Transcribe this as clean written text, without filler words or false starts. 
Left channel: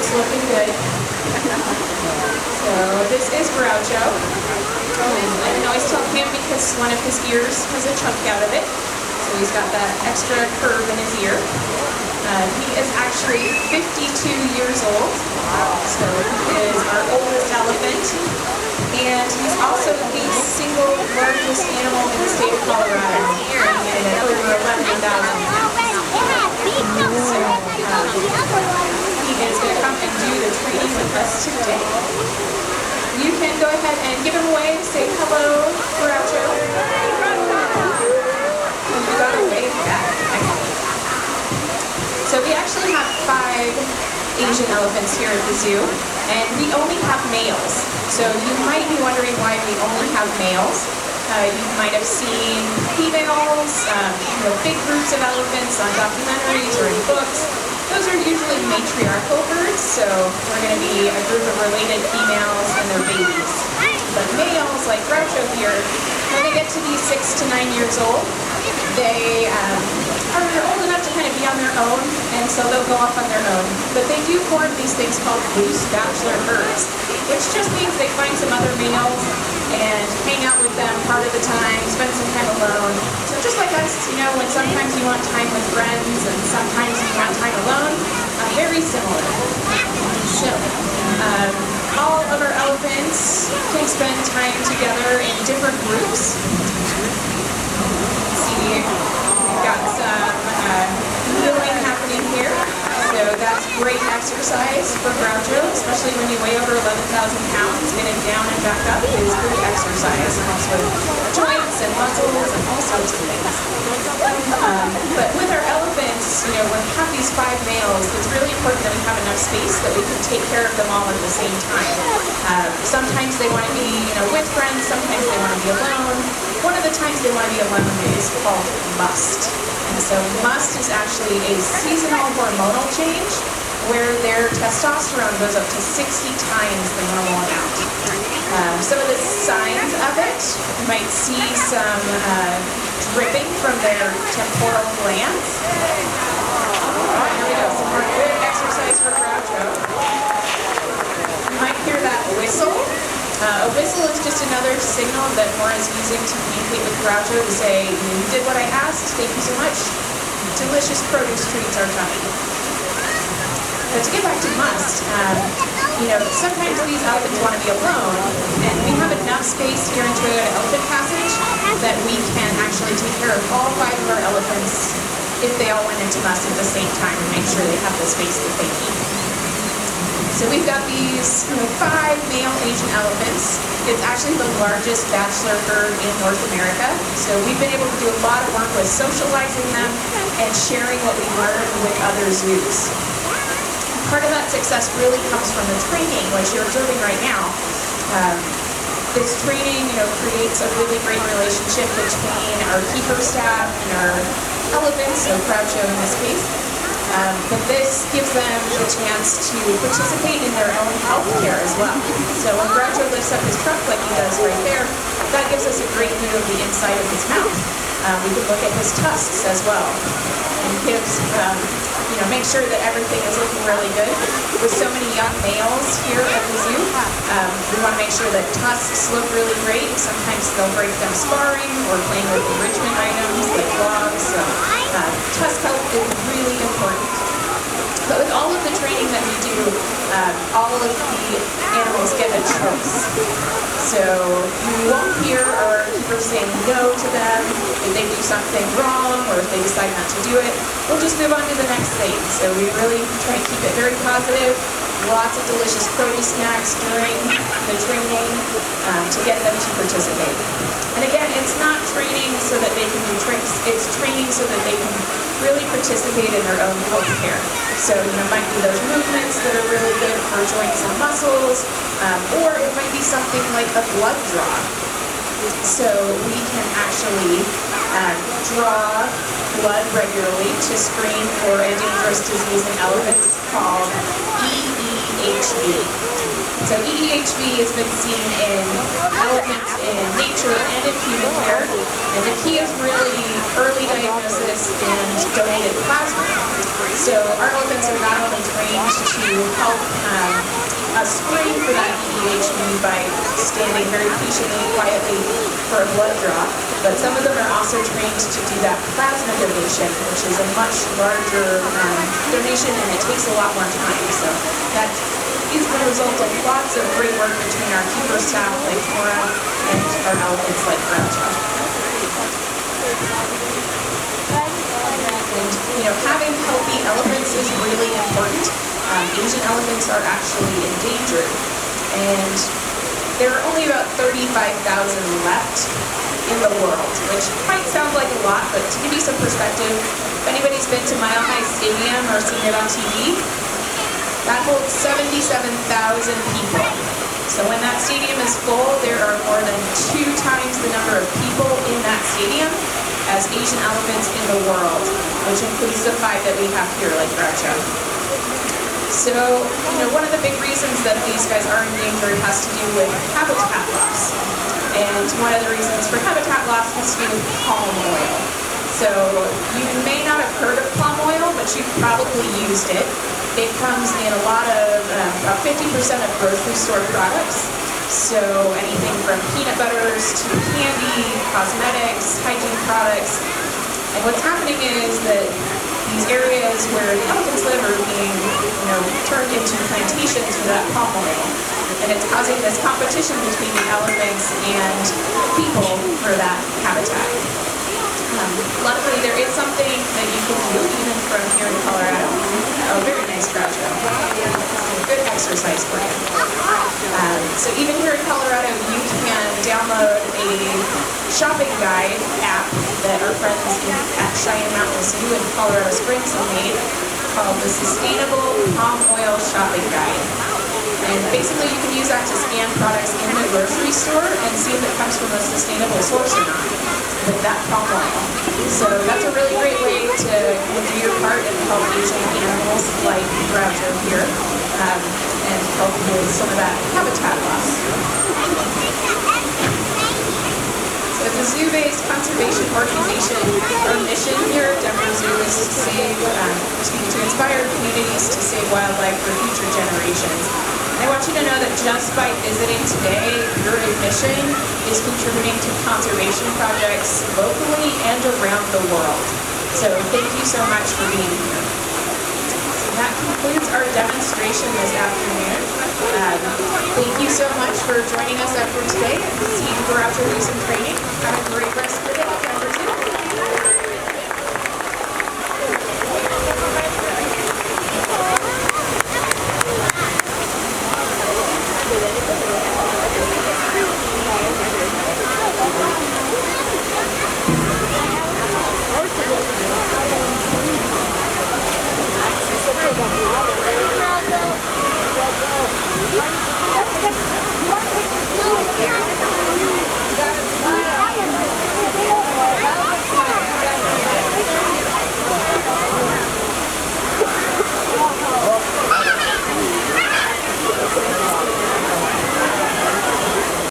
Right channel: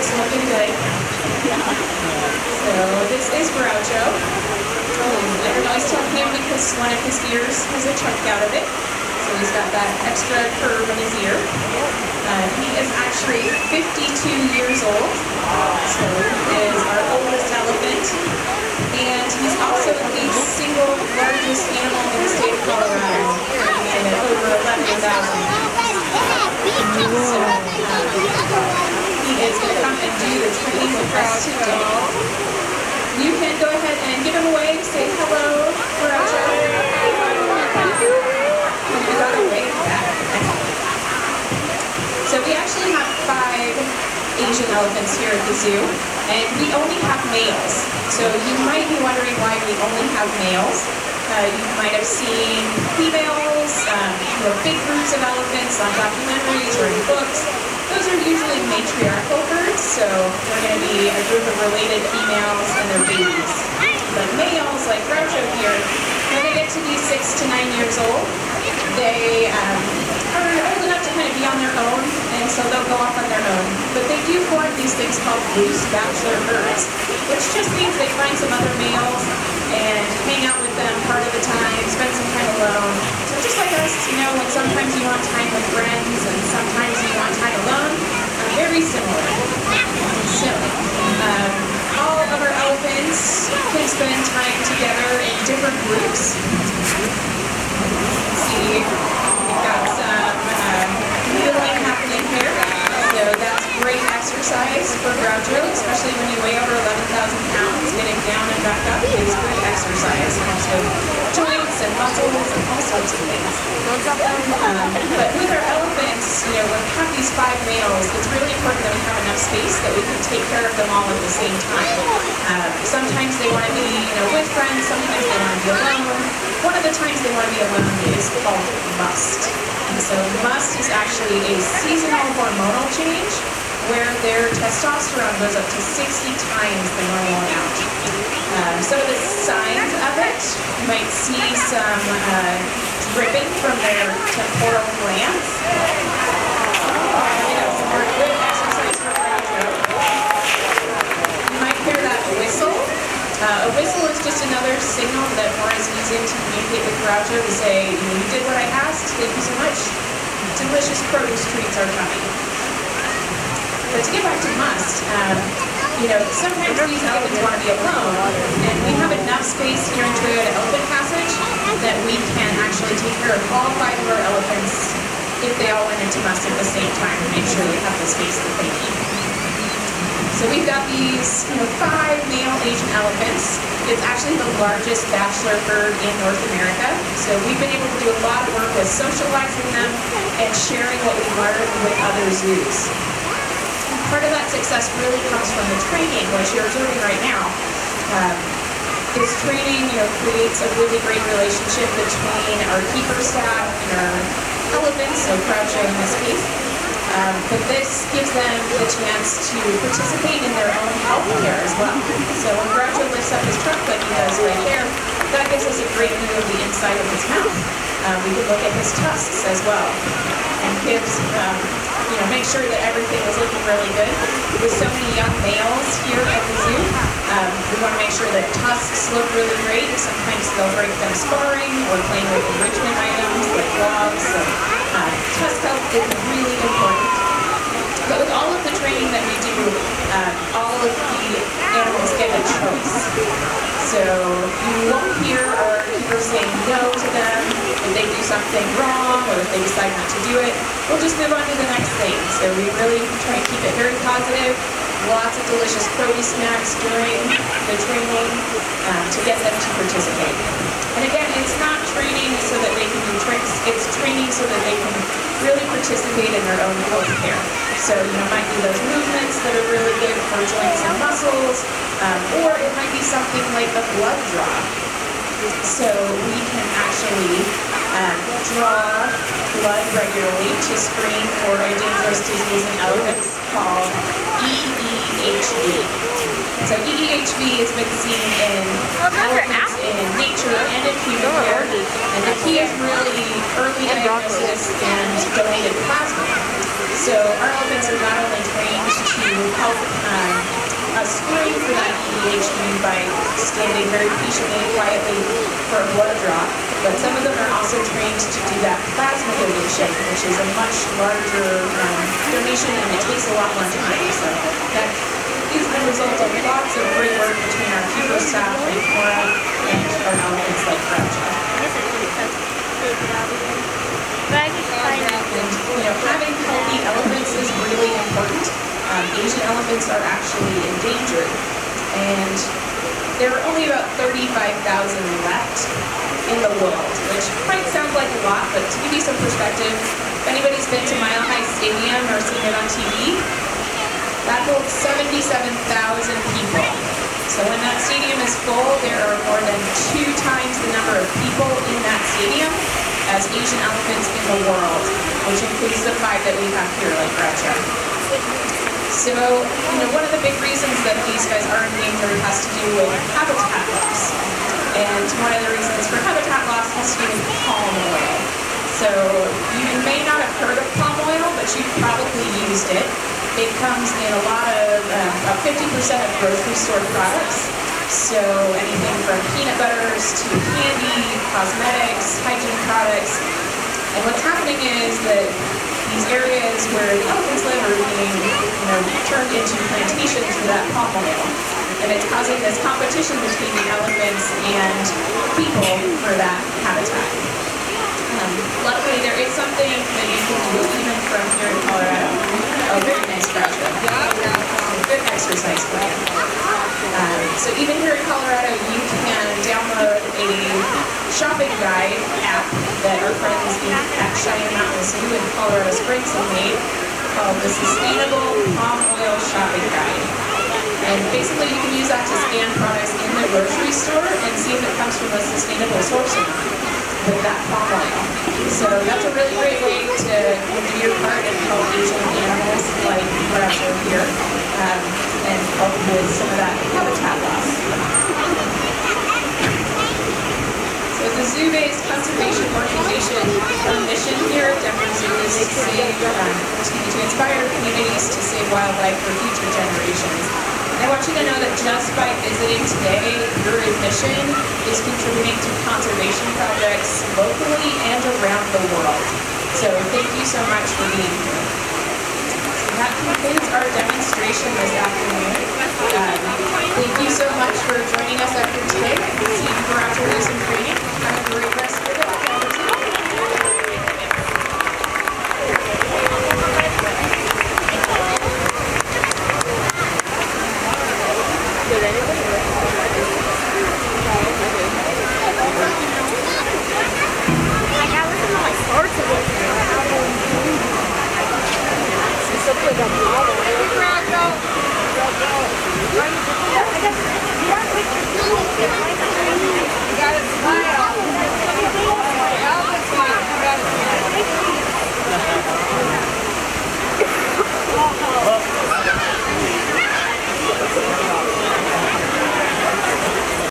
it's looking good. So this is Groucho. And I always tell him because one of his ears has a chunk out of it. So he's got that extra curve in his ear. He is actually 52 years old. So he is our oldest elephant. And he's also the single largest animal in the state of Colorado. And over 11,000. He is going to come and do the training with us today. You can go ahead and give him away. Say hello, Groucho. And you got a wave back. So we actually have 5 Asian elephants here at the zoo, and we only have males. So you might be wondering why we only have males. You might have seen females, big groups of elephants on documentaries or in books. Those are usually matriarchal herds, so we're going to be a group of related females and their babies. But males, like Groucho here, when they get to be 6 to 9 years old, they are old enough to kind of be on their own, and so they'll go off on their own. But they do form these things called loose bachelor herds, which just means they find some other males and hang out with them part of the time, spend some time alone. So just like us, when sometimes you want time with friends and sometimes you want time alone, very similar. So, all of our elephants can spend time together in different groups. See, we've got some kneeling happening here. So that's great exercise for Groucho, especially when you weigh over 11,000 pounds. Getting down and back up is good exercise. It helps with joints and muscles and all sorts of things. But with our elephants, when we have these 5 males, it's really important that we have enough space that we can take care of them all at the same time. Sometimes they want to be with friends, sometimes they want to be alone. One of the times they want to be alone is called must. And so must is actually a seasonal hormonal change where their testosterone goes up to 60 times the normal amount. Some of the signs of it, you might see some dripping from their temporal glands. Some more good exercise for Groucho. You might hear that whistle. A whistle is just another signal that Nora is using to communicate with Groucho to say, you did what I asked, thank you so much. Delicious produce treats are coming. But to get back to must, sometimes these elephants want to be alone, and we have enough space here in Toyota Elephant Passage that we can actually take care of all 5 of our elephants if they all went into must at the same time and make sure they have the space that they need. So we've got these 5 male Asian elephants. It's actually the largest bachelor herd in North America. So we've been able to do a lot of work with socializing them and sharing what we learned with other zoos. Part of that success really comes from the training, which you're observing right now. This training creates a really great relationship between our keeper staff and our elephants, so Groucho in this case. But this gives them the chance to participate in their own health care as well. So when Groucho lifts up his trunk like he does right there, that gives us a great view of the inside of his mouth. We can look at his tusks as well. And gives, make sure that everything is looking really good. With so many young males here at the zoo, we want to make sure that tusks look really great. Sometimes they'll break them sparring or playing with enrichment items like blocks. So tusk health is really important. But with all of the training that we do, all of the animals get a choice. So you won't hear our keepers saying no to them if they do something wrong or if they decide not to do it. We'll just move on to the next thing. So we really try to keep it very positive. Lots of delicious produce snacks during the training to get them to participate. And again, it's not training so that they can do tricks. It's training so that they can really participate in their own health care. So, it might be those movements that are really good for joints and muscles, or it might be something like a blood draw. So we can actually draw blood regularly to screen for a dangerous disease in elephants called EEHV. So EEHV has been seen in elephants in nature and in human care, and the key is really early diagnosis and donated plasma. So our elephants are not only trained to help help screen for that EDHD by standing very patiently, quietly for a blood draw. But some of them are also trained to do that plasma donation, which is a much larger donation and it takes a lot more time. So that is the result of lots of great work between our keeper staff and Cora and our elephants like Groucho. And having healthy elephants is really important. Asian elephants are actually endangered, and there are only about 35,000 left in the world, which might sound like a lot, but to give you some perspective, if anybody's been to Mile High Stadium or seen it on TV, that holds 77,000 people. So when that stadium is full, there are more than 2 times the number of people in that stadium as Asian elephants in the world, which includes the 5 that we have here, like Groucho. So, one of the big reasons that these guys are endangered has to do with habitat loss. And one of the reasons for habitat loss has to do with palm oil. So, you may not have heard of palm oil, but you've probably used it. It comes in a lot of, about 50% of grocery store products. So anything from peanut butters to candy, cosmetics, hygiene products. And what's happening is that these areas where the elephants live are being, turned into plantations for that palm oil. And it's causing this competition between the elephants and people for that habitat. Luckily, there is something that you can do even from here in Colorado. Oh, very nice, Groucho. Good exercise plan. So even here in Colorado, you can download a shopping guide app that our friends at Shining Mountain Zoo in Colorado Springs have made called the Sustainable Palm Oil Shopping Guide. And basically you can use that to scan products in the grocery store and see if it comes from a sustainable source or not with that palm oil. So that's a really great way to do your part and help Asian animals like Groucho here and help with some of that habitat loss. So as a zoo-based conservation organization, our mission here at Denver Zoo is to inspire communities to save wildlife for future generations. I want you to know that just by visiting today, your admission is contributing to conservation projects locally and around the world. So thank you so much for being here. So that concludes our demonstration this afternoon. Thank you so much for joining us after today. See you for after some training. Have a great rest of the day.